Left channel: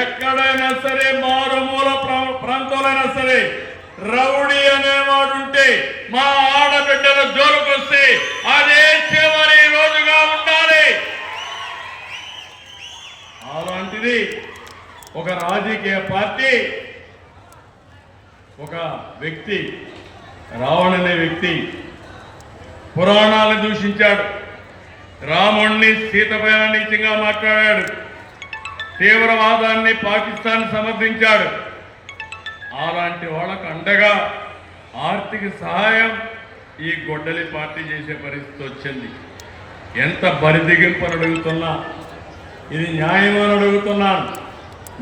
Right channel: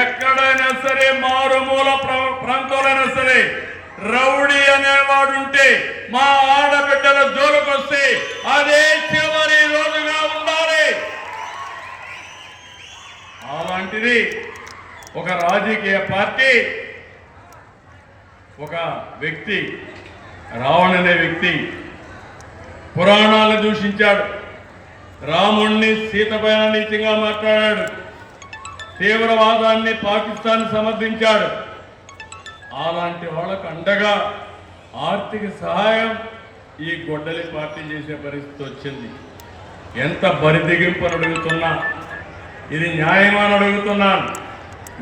ఎక్కడైనా సరే మారుమూల ప్రాంతాలైనా సరే రౌడీ అనేవాడు ఉంటే మా ఆడబిడ్డల జోలుకొస్తే అదే చివరి రోజుగా ఉండాలి. అలాంటిది ఒక రాజకీయ పార్టీ, ఒక వ్యక్తి, రావణ్ అనే వ్యక్తి పురాణాలను దూషించాడు, రాముణ్ణి సీతపైన నీచంగా మాట్లాడాడు, తీవ్రవాదాన్ని పాకిస్తాన్ సమర్థించాడు. అలాంటి వాళ్ళకు అండగా ఆర్థిక సహాయం ఈ గొడ్డలి పార్టీ చేసే పరిస్థితి వచ్చింది. ఎంత బరిదిగింపుని అడుగుతున్నా, ఇది న్యాయమని అడుగుతున్నాను.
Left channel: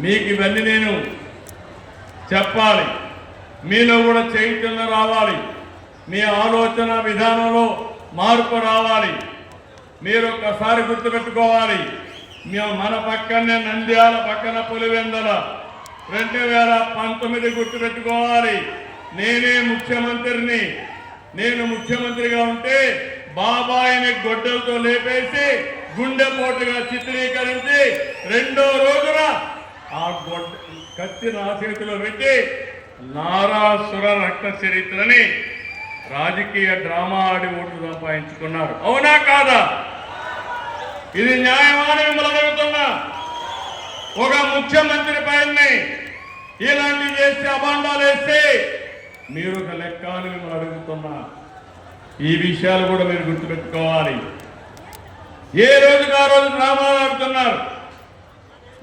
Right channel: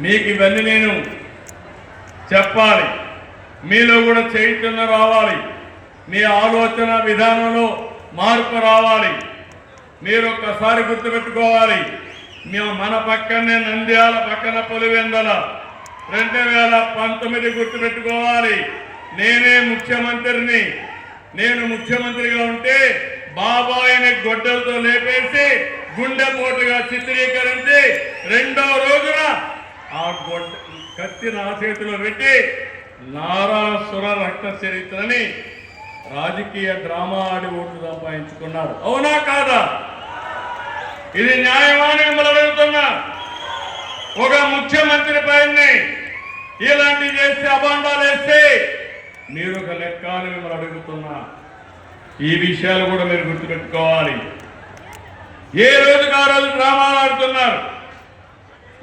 మీకు ఇవన్నీ నేను చెప్పాలి, మీలో కూడా చైతన్యం రావాలి, మీ ఆలోచన విధానంలో మార్పు రావాలి. మీరు ఒక్కసారి గుర్తుపెట్టుకోవాలి, మేము మన పక్కనే నంద్యాల పక్కన పులివెందల 2019 గుర్తుపెట్టుకోవాలి. నేనే ముఖ్యమంత్రిని. నేను ముఖ్యమంత్రిగా ఉంటే బాబాయిని గొడ్డలతో లేపేసి గుండెపోటుగా చిత్రీకరించి రెండో రోజున ఆ కత్తి నా చేతిలో పెట్టి నారాసుర రక్త చరిత్రని రాజకీయ డ్రామా ఆడి ఓట్లు సంపాదించుకున్నారు. అవునా కాదా? ఇది న్యాయమాని మిమ్మల్ని అడుగుతున్నా. ఒక ముఖ్యమంత్రి పైన ఇలాంటి చేస్తే అభాండాలు వేస్తే మీరు ఒక లెక్క అని మిమ్మల్ని అడుగుతున్నా. ఈ విషయాలు కూడా మీరు గుర్తుపెట్టుకోవాలి. ఏ రోజుకు ఆ రోజు డ్రామాలు ఆడుతున్నారు.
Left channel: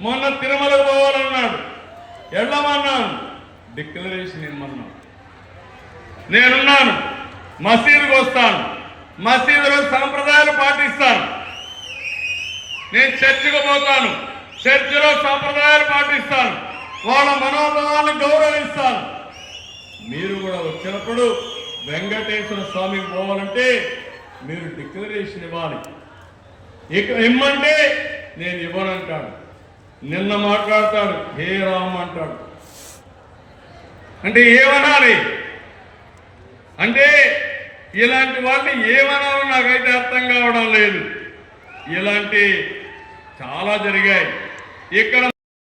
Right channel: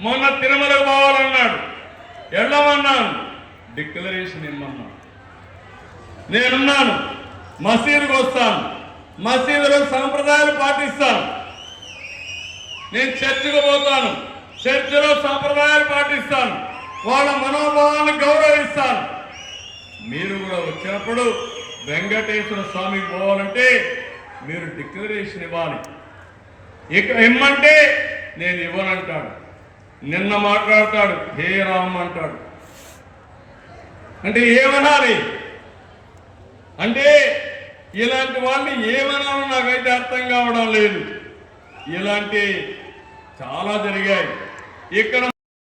మొన్న తిరుమలకు పోవాలన్నాడు, వెళ్ళమన్నాను, డిక్లరేషన్ ఇమ్మన్నాను. నేనున్నాను, మసీదుకు వస్తాను, మసీదులో సాంప్రదాయాలు పాటిస్తాను. నేను చర్చికి పోతాను, చర్చిలో సాంప్రదాయాలు పాటిస్తాను, వాళ్ళ మనోభావాలను గౌరవిస్తాను. మీరు కూడా వచ్చినప్పుడు వెంకటేశ్వర స్వామికి పోవాలంటే మీరు డిక్లరేషన్ ఇవ్వాలి. ఇక ఇమ్మంటే నేను ఇవ్వనంటాడు. నిన్న మాట్లాడతాడు, హే రామ్ అంటాడు. అంటే ఏమనాలి? అంటే ఇలాంటి వాళ్ళని ఏమనాలో నాకైతే అర్థం కావడం లేదు. ఇలాంటి చాలా జరిగాయి ఇక్కడ.